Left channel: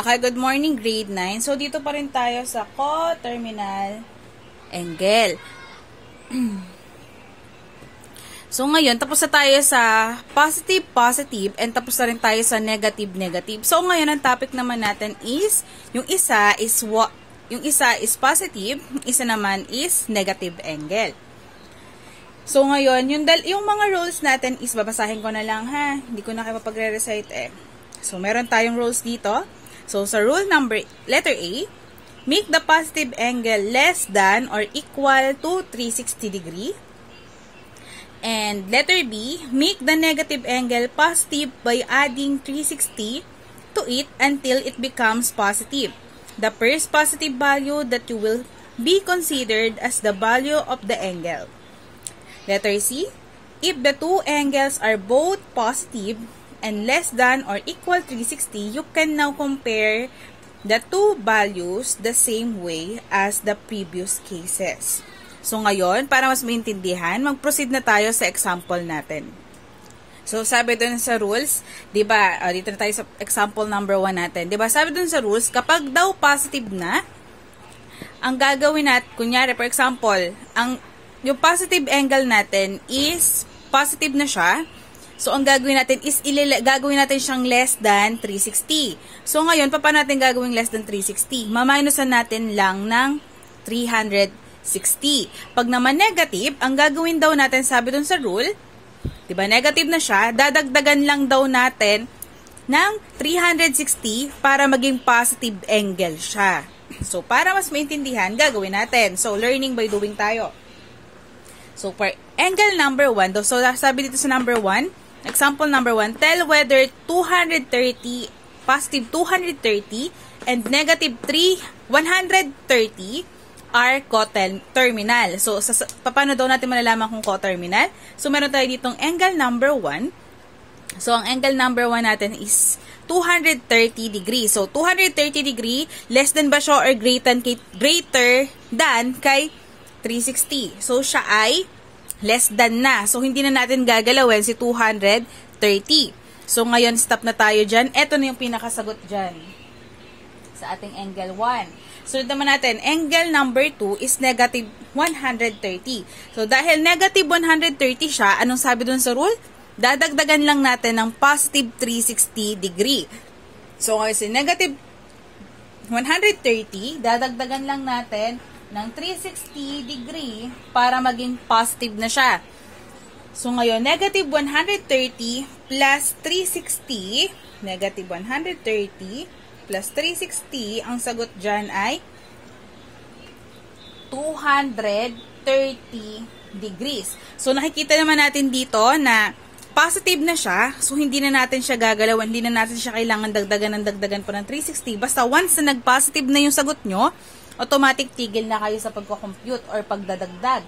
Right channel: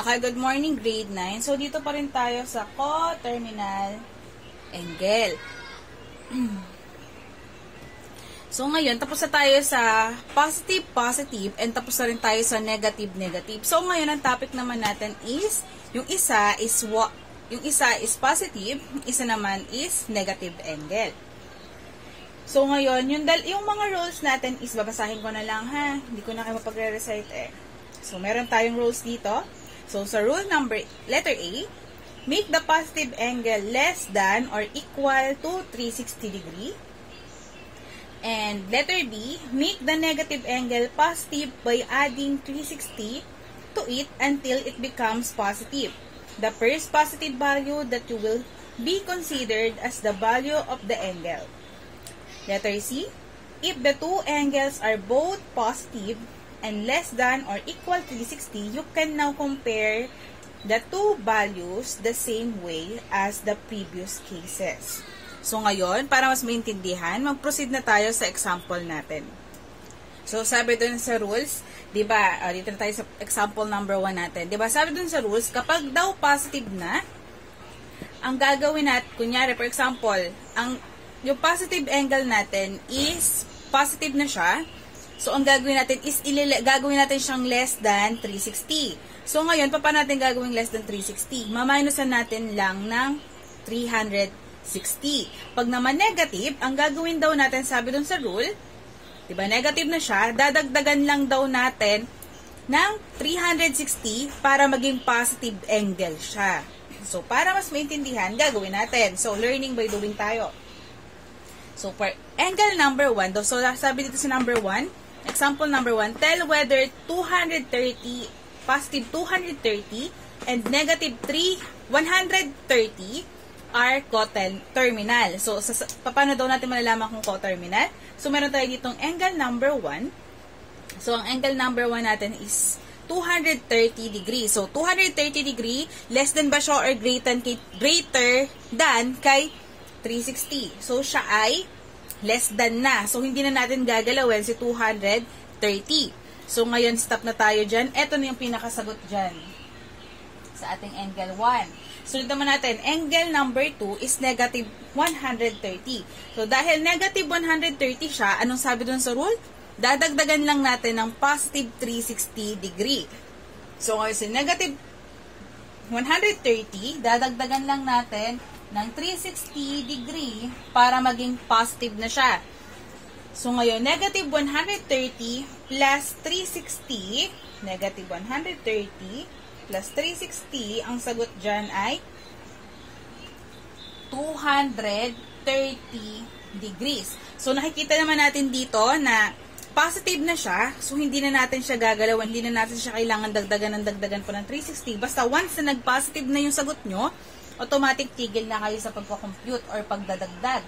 Okay, good morning grade 9. So, dito pa rin tayo sa coterminal angle. So, ngayon, tapos na tayo sa positive, positive, and tapos na rin tayo sa negative, negative. So, ngayon, ang topic naman natin is, yung isa is positive, yung isa naman is negative angle. So, ngayon, yung mga rules natin is, babasahin ko na lang ha. Hindi ko na kayo mapagre-recite eh. So, meron tayong rules dito. So, sa rule letter A, make the positive angle less than or equal to 360 degree. And letter B, make the negative angle positive by adding 360 to it until it becomes positive. The first positive value that you will be considered as the value of the angle. Letter C, if the two angles are both positive and less than or equal to 360, you can now compare the two values the same way as the previous cases. So, ngayon, para mas maintindihan, mag-proceed na tayo sa example natin. So, sabi dun sa rules, diba, dito na tayo sa example number 1 natin. Diba, sabi dun sa rules, kapag daw positive na, ang gagawin natin, kunyari, for example, yung positive angle natin is positive na siya. So, ang gagawin natin is, gagawin natin siyang less than 360. So, ngayon, paano natin gagawin less than 360? Maminusan natin lang ng 360. Pag naman negative, ang gagawin daw natin, sabi dun sa rule, diba, negative na siya, dadagdagan lang daw natin ng 360 para maging positive angle siya. So, para mas maintindihan, gagawin natin. So, learning by doing tayo. So, for angle number 1, so sabi dito sa number 1, example number 1, tell whether 230, positive 230, and negative 130 are coterminal. So, paano daw natin malalaman kung coterminal? So, meron tayo ditong angle number 1. So, ang angle number 1 natin is 230 degrees. So, 230 degree, less than ba siya or greater than kay 360. So, siya ay less than na. So, hindi na natin gagalawin si 230. So, ngayon, stop na tayo dyan. Ito na yung pinakasagot dyan sa ating angle 1. So, naman natin, angle number 2 is negative 130. So, dahil negative 130 siya, anong sabi dun sa rule? Dadagdagan lang natin ng positive 360 degree. So, ngayon, si negative 130, dadagdagan lang natin ng 360 degree para maging positive na siya. So, ngayon, negative 130 plus 360, negative 130 plus 360, ang sagot dyan ay 230 degrees. So, nakikita naman natin dito na positive na siya. So, hindi na natin siya gagalawan. Hindi na natin siya kailangan dagdagan pa ng 360. Basta once na nag-positive na yung sagot nyo, automatic tigil na kayo sa pagko-compute or pagdadagdag.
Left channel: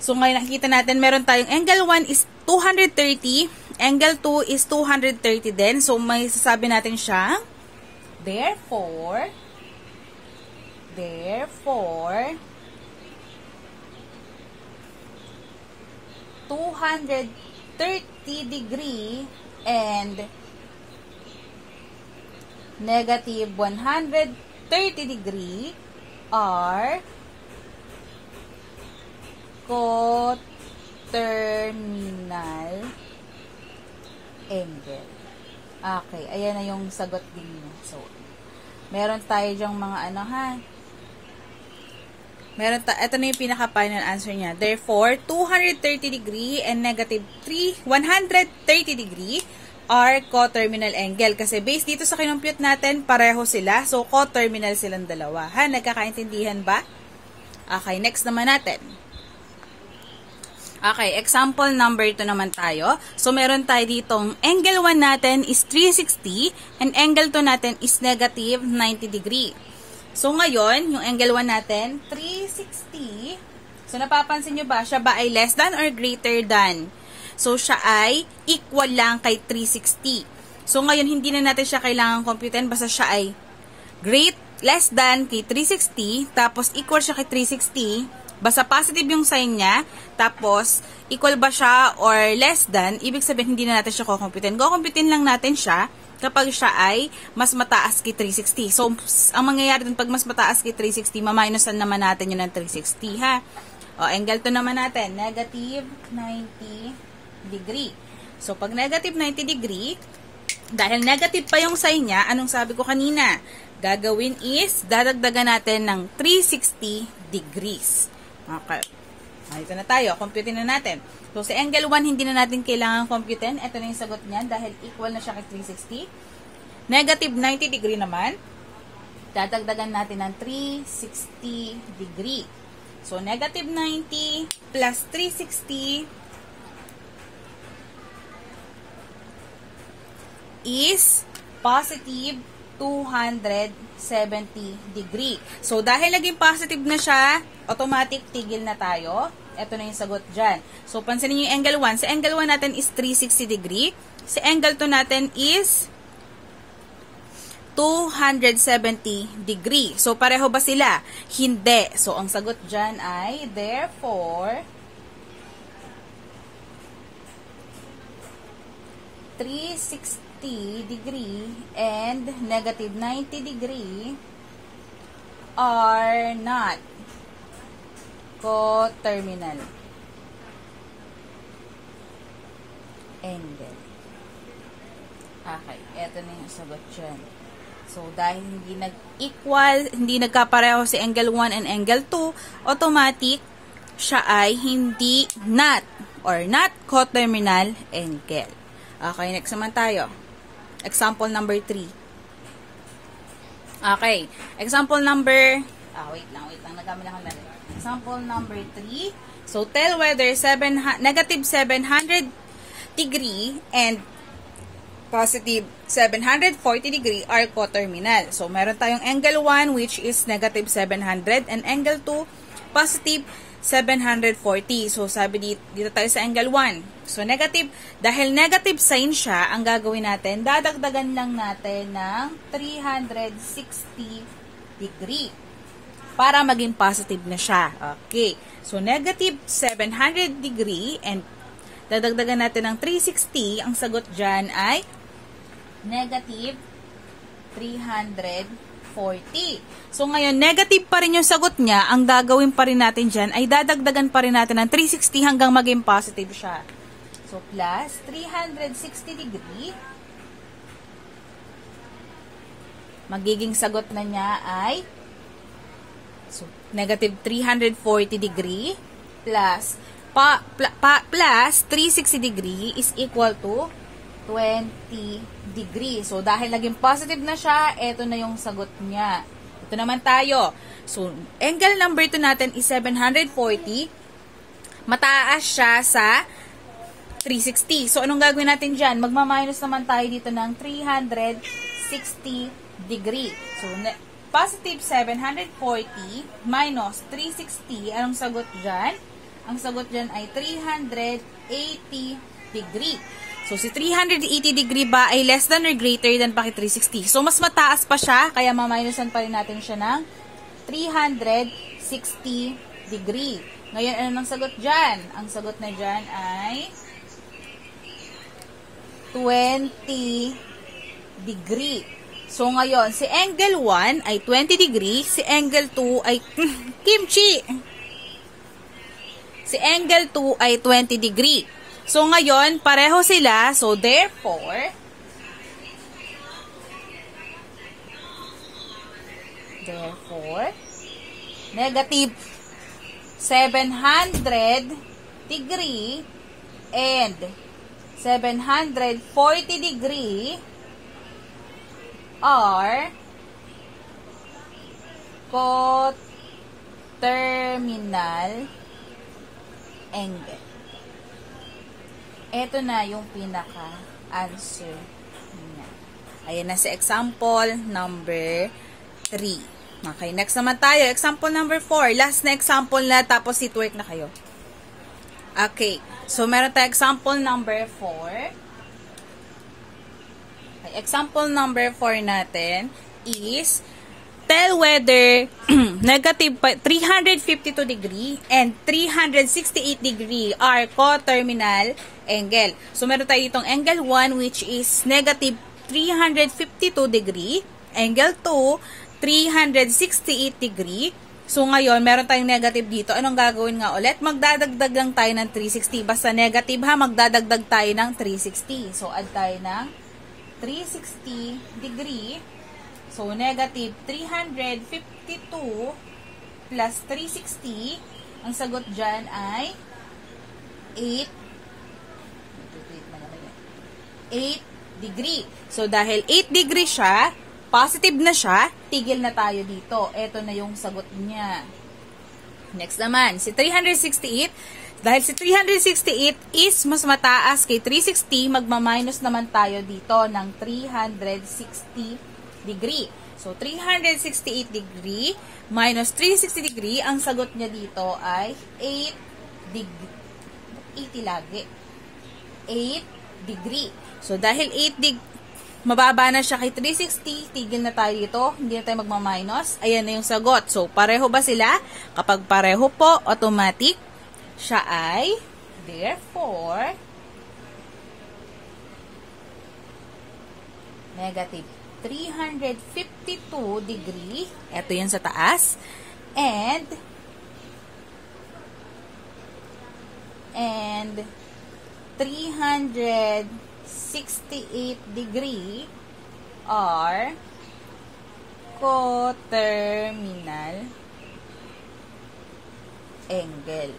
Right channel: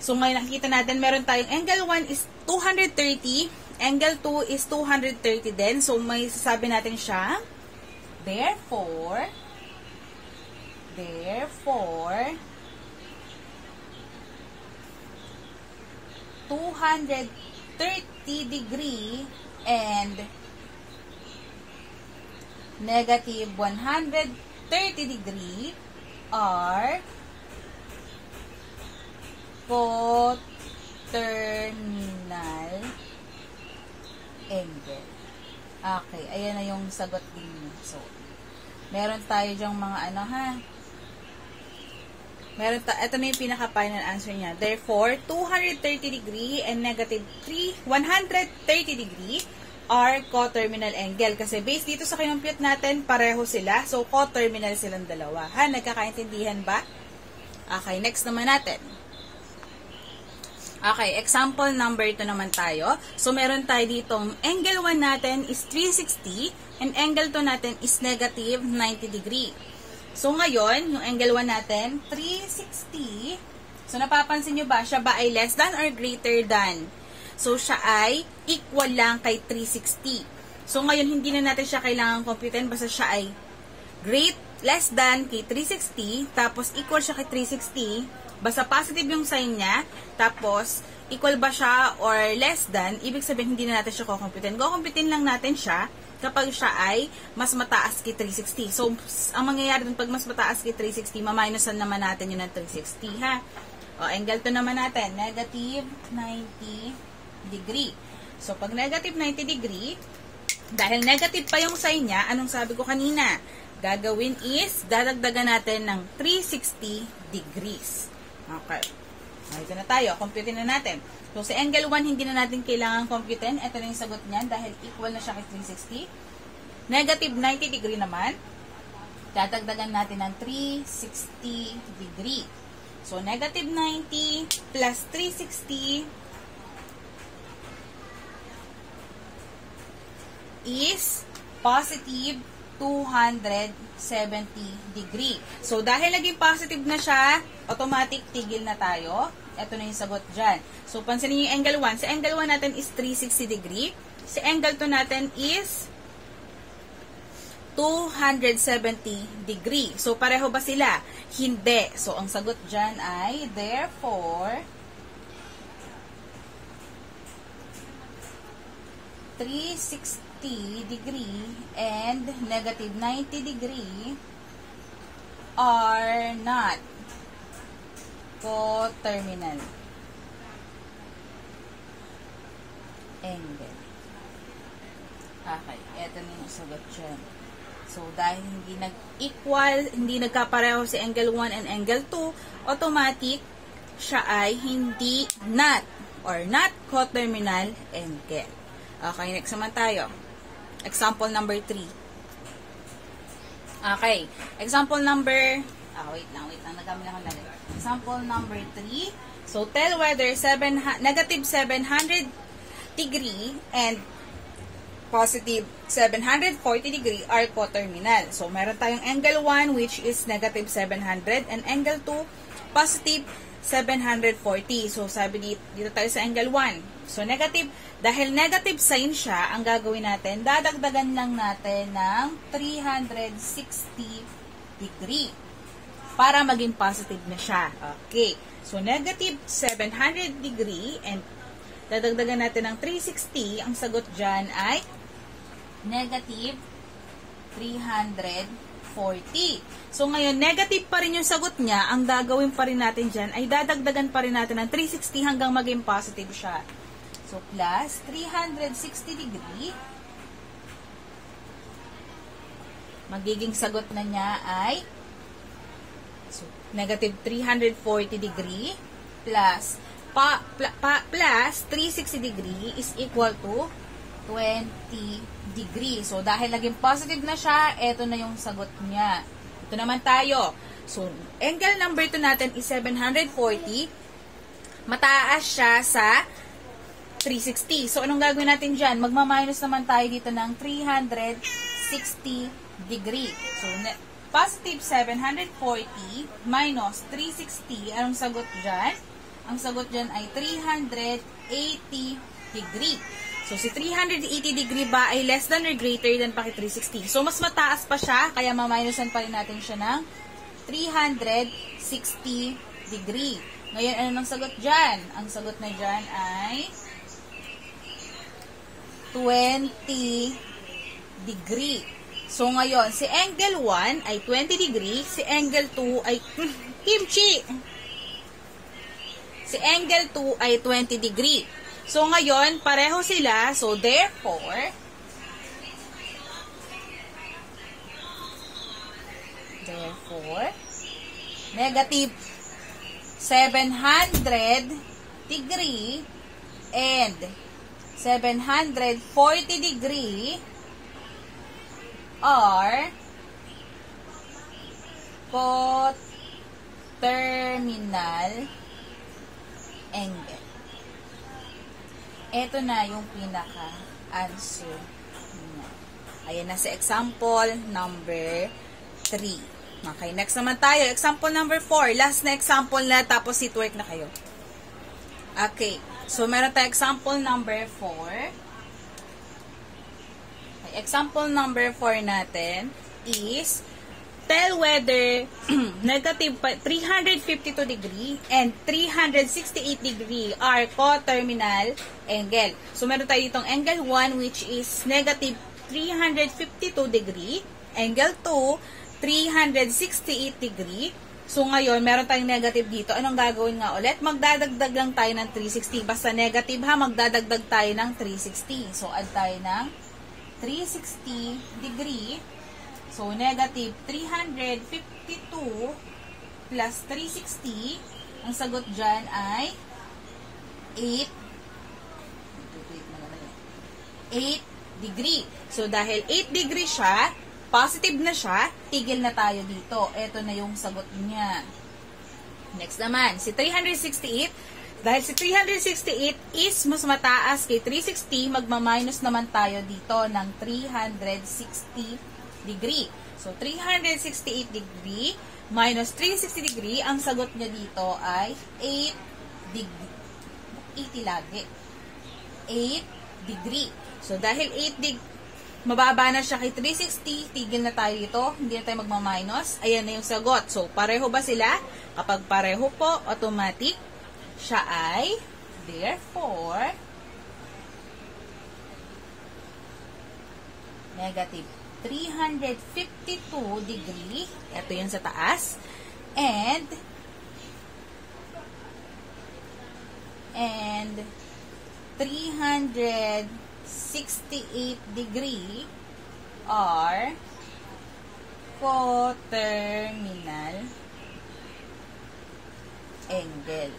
So, ngayon nakikita natin, meron tayong angle 1 is 230, angle 2 is 230 din. So, may sasabi natin siya, therefore, 230 degree and negative 130 degree are coterminal angle. Okay, ayan na yung sagot din. So, meron tayo dyang mga ano ha. Ito na yung pinaka-final answer niya. Therefore, 230 degree and negative 130 degree are coterminal angle. Kasi based dito sa kinumpute natin, pareho sila. So, coterminal silang dalawa. Ha? Nagkakaintindihan ba? Okay, next naman natin. Okay, example number 2 naman tayo. So, meron tayo ditong angle 1 natin is 360 and angle 2 natin is negative 90 degree. So, ngayon, yung angle 1 natin, 360. So, napapansin nyo ba? Siya ba ay less than or greater than? So, siya ay equal lang kay 360. So, ngayon, hindi na natin siya kailangan computein. Basta siya ay less than kay 360. Tapos, equal siya kay 360. Basta positive yung sign niya. Tapos, equal ba siya or less than? Ibig sabihin, hindi na natin siya kukumputein. Kukumputein lang natin siya kapag siya ay mas mataas kay 360. So, ang mangyayari dun pag mas mataas kay 360, maminusan naman natin yun ng 360, ha? O, angle 2 naman natin, negative 90 degree. So, pag negative 90 degree, dahil negative pa yung sign niya, anong sabi ko kanina? Gagawin is, dadagdagan natin ng 360 degrees. Okay. Ito na tayo, computin na natin. So, sa angle 1, hindi na natin kailangan computin. Ito na yung sagot niyan dahil equal na siya kay 360. Negative 90 degree naman, dadagdagan natin ng 360 degree. So, negative 90 plus 360 is positive 270 degree. So, dahil naging positive na siya, automatic tigil na tayo. Ito na yung sagot dyan. So, pansinin niyo yung angle 1. Sa angle 1 natin is 360 degree. Sa angle 2 natin is 270 degree. So, pareho ba sila? Hindi. So, ang sagot dyan ay, therefore, 360 degree and negative 90 degree are not coterminal angle. Okay, eto na yung sagot dyan. So, dahil hindi nag-equal, hindi nagkapareho si angle 1 and angle 2, automatic, siya ay hindi not coterminal angle. Okay, next naman tayo. Example number 3. Okay, example number, wait lang, nagkami lang ang lalagay. Example number 3. So, tell whether negative 700 degree and positive 740 degree are coterminal. So, meron tayong angle 1 which is negative 700 and angle 2 positive 740. So, sabi dito tayo sa angle 1. So, negative. Dahil negative sign siya, ang gagawin natin, dadagdagan lang natin ng 360 degree para maging positive na siya. Okay. So, negative 700 degree and dadagdagan natin ng 360. Ang sagot dyan ay negative 340. So, ngayon, negative pa rin yung sagot niya. Ang gagawin pa rin natin dyan ay dadagdagan pa rin natin ng 360 hanggang maging positive siya. So, plus 360 degree. Magiging sagot na niya ay negative 340 degree plus plus 360 degree is equal to 20 degree. So, dahil naging positive na siya, eto na yung sagot niya. Ito naman tayo. So, angle number 2 natin is 740. Mataas siya sa 360. So, anong gagawin natin dyan? Magma-minus naman tayo dito ng 360 degree. So, positive 740 minus 360. Anong sagot dyan? Ang sagot dyan ay 380 degree. So, si 380 degree ba ay less than or greater than pa kay 360? So, mas mataas pa siya, kaya maminusan pa rin natin siya ng 360 degree. Ngayon, ano nang sagot dyan? Ang sagot na dyan ay 20 degree. So, ngayon, si angle 1 ay 20 degree, si angle 2 ay kimchi. Si angle 2 ay 20 degree. So, ngayon, pareho sila. So, therefore, negative 700 degree and 740 degree are coterminal angle. Ito na yung pinaka-answer niya. Ayan na sa example number 3. Okay, next naman tayo. Example number 4. Last na example na, tapos sit work na kayo. Okay, so meron tayo example number 4. Example number 4 natin is tell whether negative 352 degree and 368 degree are coterminal angle. So, meron tayo itong angle 1 which is negative 352 degree. Angle 2, 368 degree. So, ngayon, meron tayong negative dito. Anong gagawin nga ulit? Magdadagdag lang tayo ng 360. Basta negative ha, magdadagdag tayo ng 360. So, add tayo ng 360 degree. So, negative 352 plus 360. Ang sagot dyan ay 8 degree. So, dahil 8 degree siya, positive na siya, tigil na tayo dito. Ito na yung sagot niya. Next naman, si 368. Dahil si 368 is mas mataas kay 360, magma-minus naman tayo dito ng 360 degree. So, 368 degree minus 360 degree, ang sagot niya dito ay 8 degree. 80 lagi. 8 degree. So, dahil 8 degree, mababa na siya kay 360, tigil na tayo dito, hindi na tayo magma-minus. Ayan na yung sagot. So, pareho ba sila? Kapag pareho po, automatic, siya ay, therefore, negative 352 degree. Ito yan sa taas. And 368 degree are coterminal angle.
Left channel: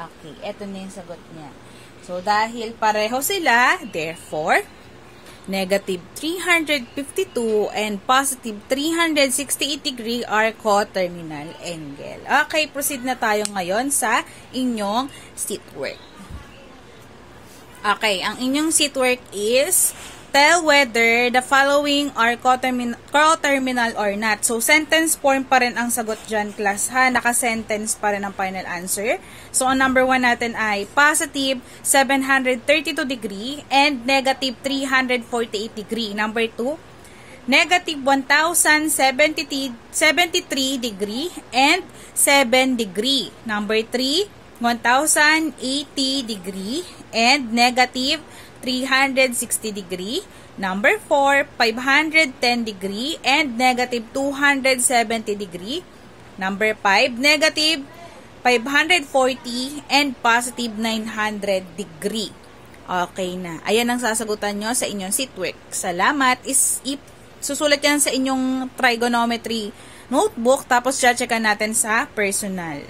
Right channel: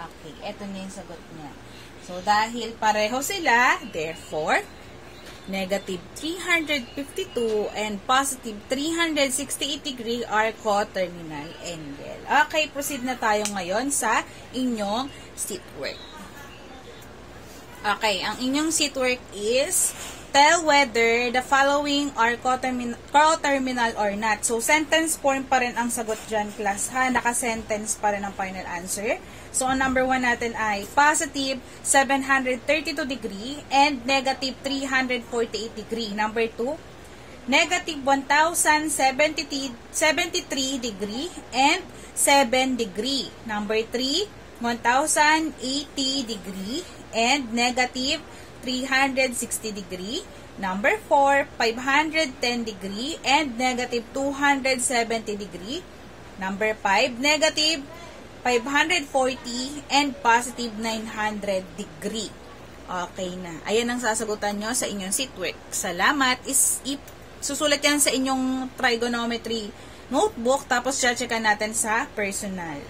Okay, ito na yung sagot niya. So, dahil pareho sila, therefore, negative 352 and positive 368 degree are coterminal angle. Okay, proceed na tayo ngayon sa inyong sheet work. Okay, ang inyong sheet work is tell whether the following are coterminal or not. So, sentence form pa rin ang sagot dyan, class, ha? Naka-sentence pa rin ang final answer. So, ang number 1 natin ay positive 732 degree and negative 348 degree. Number 2, negative 1073 degree and 7 degree. Number 3, 1080 degree and negative 360 degree. Number 4, 510 degree and negative 270 degree. Number 5, negative 540 and positive 900 degree. Okay na. Ayan ang sasagutan nyo sa inyong sheet work. Salamat. Susulat yan sa inyong trigonometry notebook, tapos checkan natin sa personal.